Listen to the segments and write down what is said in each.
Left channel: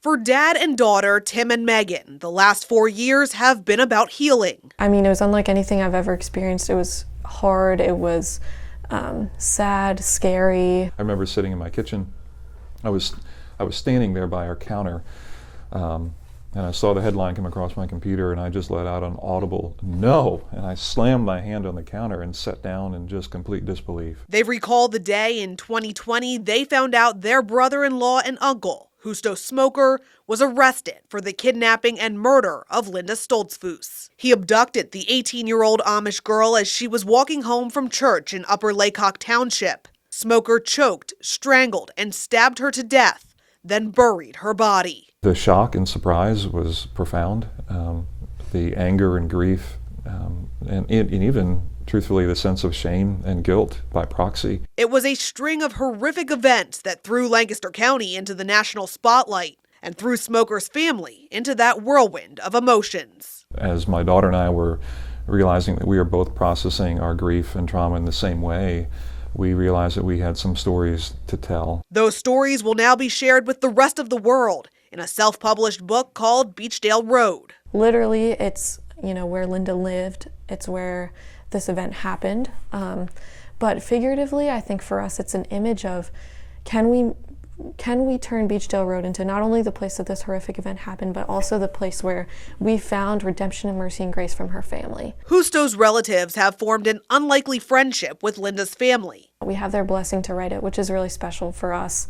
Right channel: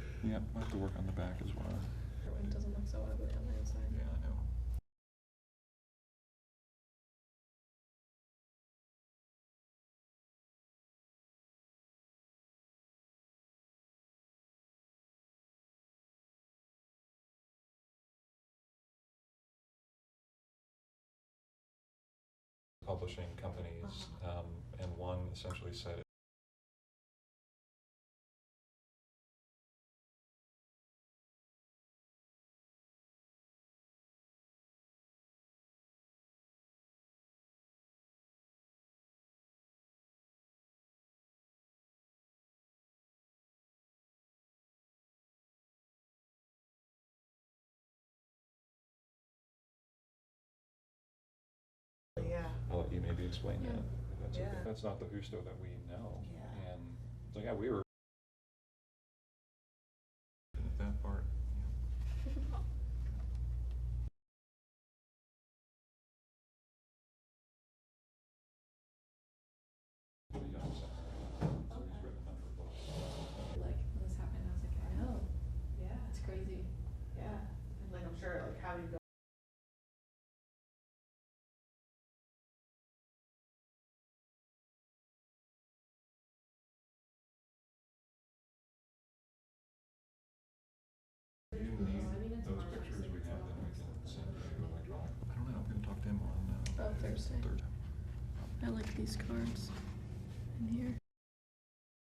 For dad and daughter, Tim and Megan, the last 4 years have been about healing. I mean, it was unlike anything I've ever experienced. It was hard, it was sad, scary. I remember sitting in my kitchen. I was standing there by our counter, and I saw the headline come across my computer, and I just let out an audible "no," and I slammed my hand on the counter and sat down in just complete disbelief. They've recalled the day in 2020 they found out their brother-in-law and uncle, Justo Smoker, was arrested for the kidnapping and murder of Linda Stoltzfoos. He abducted the 18-year-old Amish girl as she was walking home from church in Upper Laycock Township. Smoker choked, strangled, and stabbed her to death, then buried her body. The shock and surprise was profound. The anger and grief, and even, truthfully, the sense of shame and guilt by proxy. It was a string of horrific events that threw Lancaster County into the national spotlight and threw Smoker's family into that whirlwind of emotions. As my daughter and I were realizing that we are both processing our grief and trauma in the same way, we realized that we had some stories to tell. Those stories will now be shared with the rest of the world in a self-published book called Beachdale Road. Literally, it's where Linda lived. It's where this event happened. But figuratively, I think for us, it's an image of can we turn Beachdale Road into not only the place that this horrific event happened, but also the place where we found redemption and mercy and grace from her family. Justo's relatives have formed an unlikely friendship with Linda's family. We have their blessing to write it, which is really special for us.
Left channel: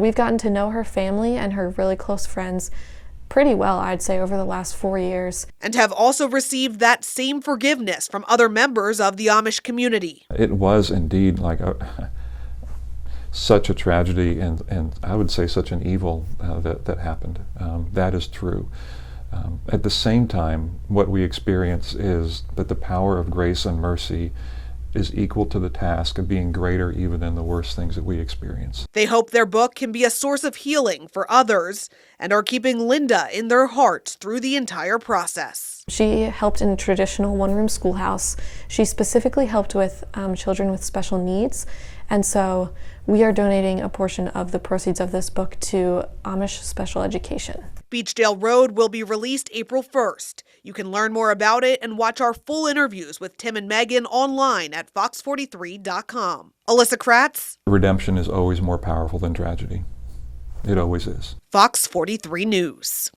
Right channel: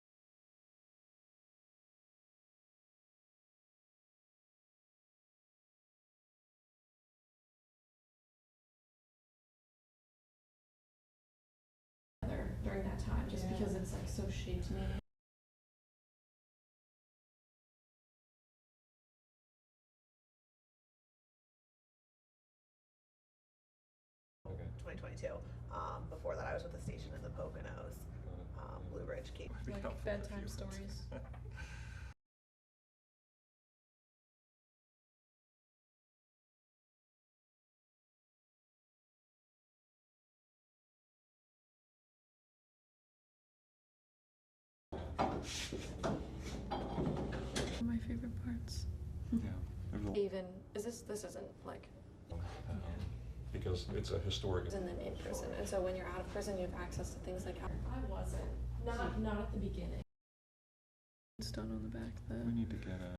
We've gotten to know her family and her really close friends pretty well, I'd say, over the last 4 years. And have also received that same forgiveness from other members of the Amish community. It was indeed like such a tragedy and I would say such an evil that happened. That is true. At the same time, what we experience is that the power of grace and mercy is equal to the task of being greater even than the worst things that we experience. They hope their book can be a source of healing for others and are keeping Linda in their hearts through the entire process. She helped in a traditional one-room schoolhouse. She specifically helped with children with special needs, and so we are donating a portion of the proceeds of this book to Amish special education. Beachdale Road will be released April 1st. You can learn more about it and watch our full interviews with Tim and Megan online at fox43.com. Alyssa Kratz. Redemption is always more powerful than tragedy. It always is. Fox 43 News.